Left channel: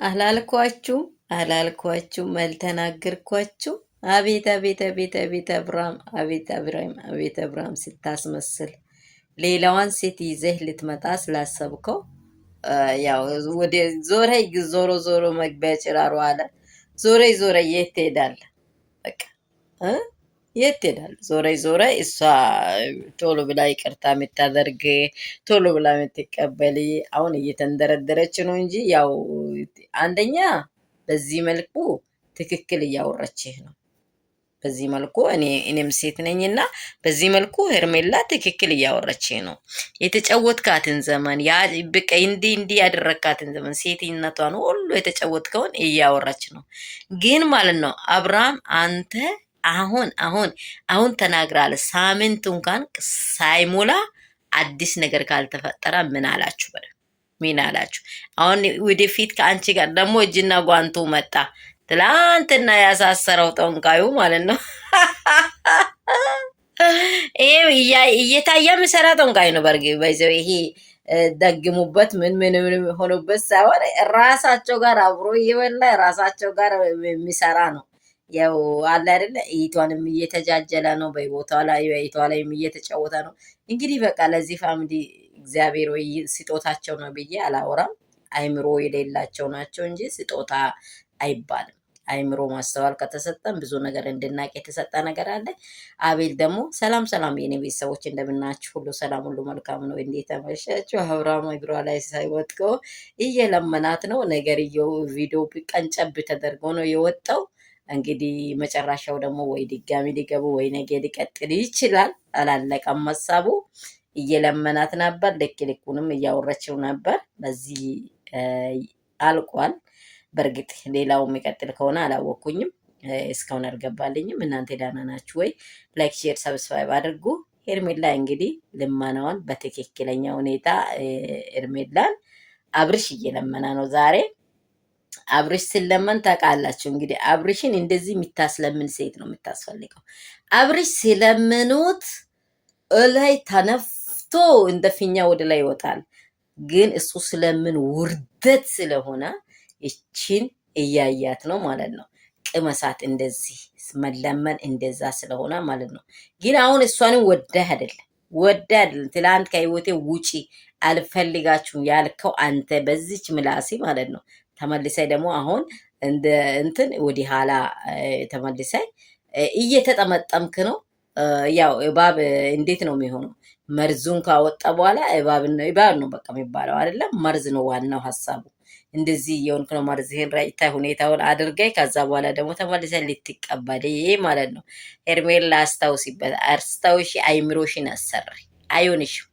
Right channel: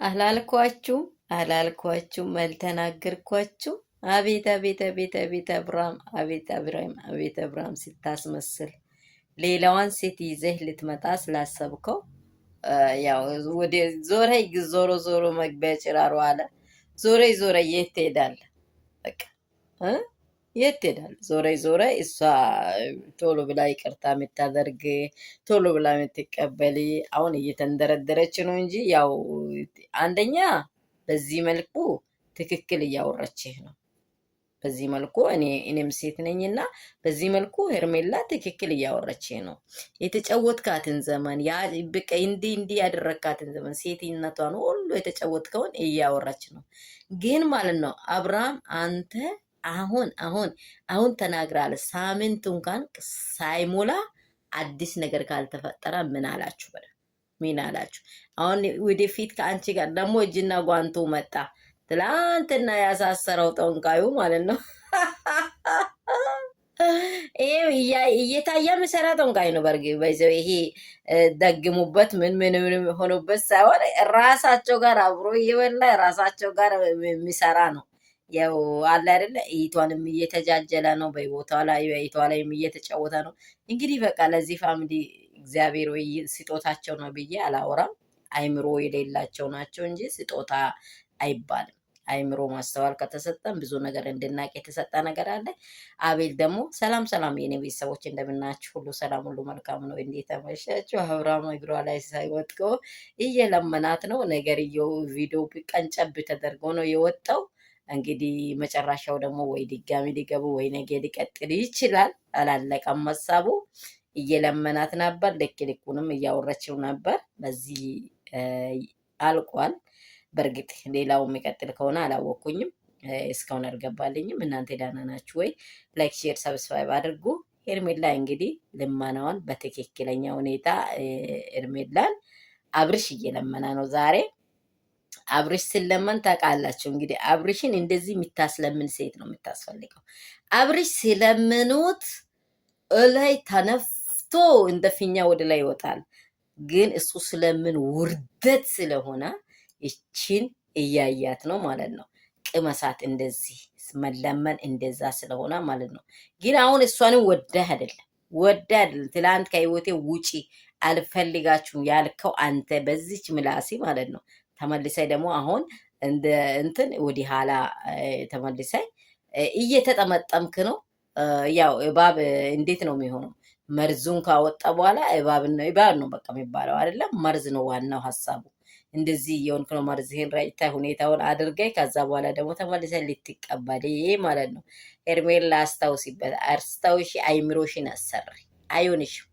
አላልኳችሁ መልተናገርኳችሁ። አቤት አቤት አቤት አቤት አብርሃም አቤት አብርሃም ስታስመስል ሌላዋን ሴት ይዘህ ልትመጣ ስላሰብከው ያው ወደ ዞሮ ዞሮ መግቢያ ጭራሮ አለ። ዞረ የት ትሄዳለህ? በቃ የት ትሄዳለህ? ዞረ እሷ ቶሎ ብላ ይቅርታ የምታደርግ ቶሎ ብላ የምትቀበል አሁን እየተንደረደረች ነው እንጂ ያው አንደኛ በዚህ መልኩ ትክክል እያወራችህ ነው። በዚህ መልኩ እኔም ሴት ነኝና በዚህ መልኩ ሄርሜላ ትክክል እያወራችህ ነው። የተጫወትካትን ዘመን ያ በቃ እንዲህ ያደረካትን ዘመን ሴትነቷን ሁሉ የተጫወትከውን እያወራች ነው። ግን ማለት ነው አብርሃም አንተ አሁን ተናግራለ። ሳምንት እንኳን ሳይሞላ አዲስ ነገር ካልተፈጠረ ምን አላችሁ? ምን አላችሁ? አሁን ወደፊት ከአንቺ ጋር ደግሞ እጅና ጓንቱ መጣ። ትላንትና ያሳሰረው ጠንቋዩ ማለት ነው። ይሄ እየታየ ምሰራ ጠንቋይ ነው። በይዘው ይሄ ደግሙበት ምን ሆኖበት ሳይሆን ራሳቸው ጋር አብሮ እየበላ ራሳቸው ጋር የሚሰራ ነው። ያው አለ አይደለ? እይቷንም እየተጃጀለ ነው። በቦታው ላይ በይቷ ላይም እየተጫወተ ነው። እንግዲህ በቃ ለዚህ ፋሚሊ እግዚአብሔር ወይ ስጦታቸው ነው ብዬ አላወራም። አይምሮ የሌላቸው ናቸው እንጂ ስጦታ አይባልም። አይምሮ ማስተዋል ከተሰጠን ብዙ ነገር እንድናቅ የተሰጠ ነገር አለ። አቤል ደግሞ ሰላም የኔ ቤተሰቦች እንደምናችሁ፣ ሁሉ ሰላም ሁሉ መልካም ነው። እንዴት አመሻችሁ? አብርሃም እግሯ ላይ ሳይወጥቆ እየለመናት ነው። ነገርየው ቪዲዮ ቀንጨብ ተደርጎ ነው የወጣው። እንግዲህ መጨረሻው ደግሞ ወይ ድጋሚ ሊገቡ ወይ ነገ ሊቀጥል ይችላል። አላለቀም ሀሳቡ። እየለመናት ነበር። ልኩንም እያወረችው ነበር። በዚህ አልቋል። በእርግጥ ሌላው የሚቀጥል ከሆነ አላወኩኝም፣ እስካሁን አልገባልኝም። እናንተ ደህና ናችሁ ወይ? ላይክ፣ ሼር፣ ሰብስክራይብ አድርጉ። ሄርሜላ እንግዲህ ልመናዋን በትክክለኛ ሁኔታ ሄርሜላን አብርሽ እየለመና ነው ዛሬ። አብርሽ ስለመን ታውቃላችሁ እንግዲህ አብርሽን እንደዚህ የምታስለምን ሴት ነው የምታስፈልገው። አብርሽ ስለምኑት እላይ ተነፍቶ እንደ ፊኛ ወደ ላይ ይወጣል። ግን እሱ ስለምን ውርደት ስለሆነ ይቺን እያያት ነው ማለት ነው። ቅመሳት እንደዚህ መለመን እንደዛ ስለሆነ ማለት ነው። ግን አሁን እሷንም ወዳህ አይደለም። ትላንት ከህይወቴ ውጪ አልፈልጋችሁም ያልከው አንተ በዚች ምላሲ ማለት ነው። ተመልሳይ ደግሞ አሁን እንትን ወዲህ ኋላ ተመልሳይ እየተጠመጠምክ ነው። ያው እባብ እንዴት ነው የሚሆነው? መርዙን ካወጣ በኋላ እባብ ነው በቃ የሚባለው አይደለም። መርዝ ነው ዋናው ሀሳቡ። እንደዚህ የሆንክ ነው። መርዝህን ራይታ ሁኔታውን አድርገህ ከዛ በኋላ ደግሞ ተመልሰህ ልትቀበል ማለት ነው። ሄርሜላ አስታውሺ፣ አይምሮሽን አሰሪ። አይሆንሽም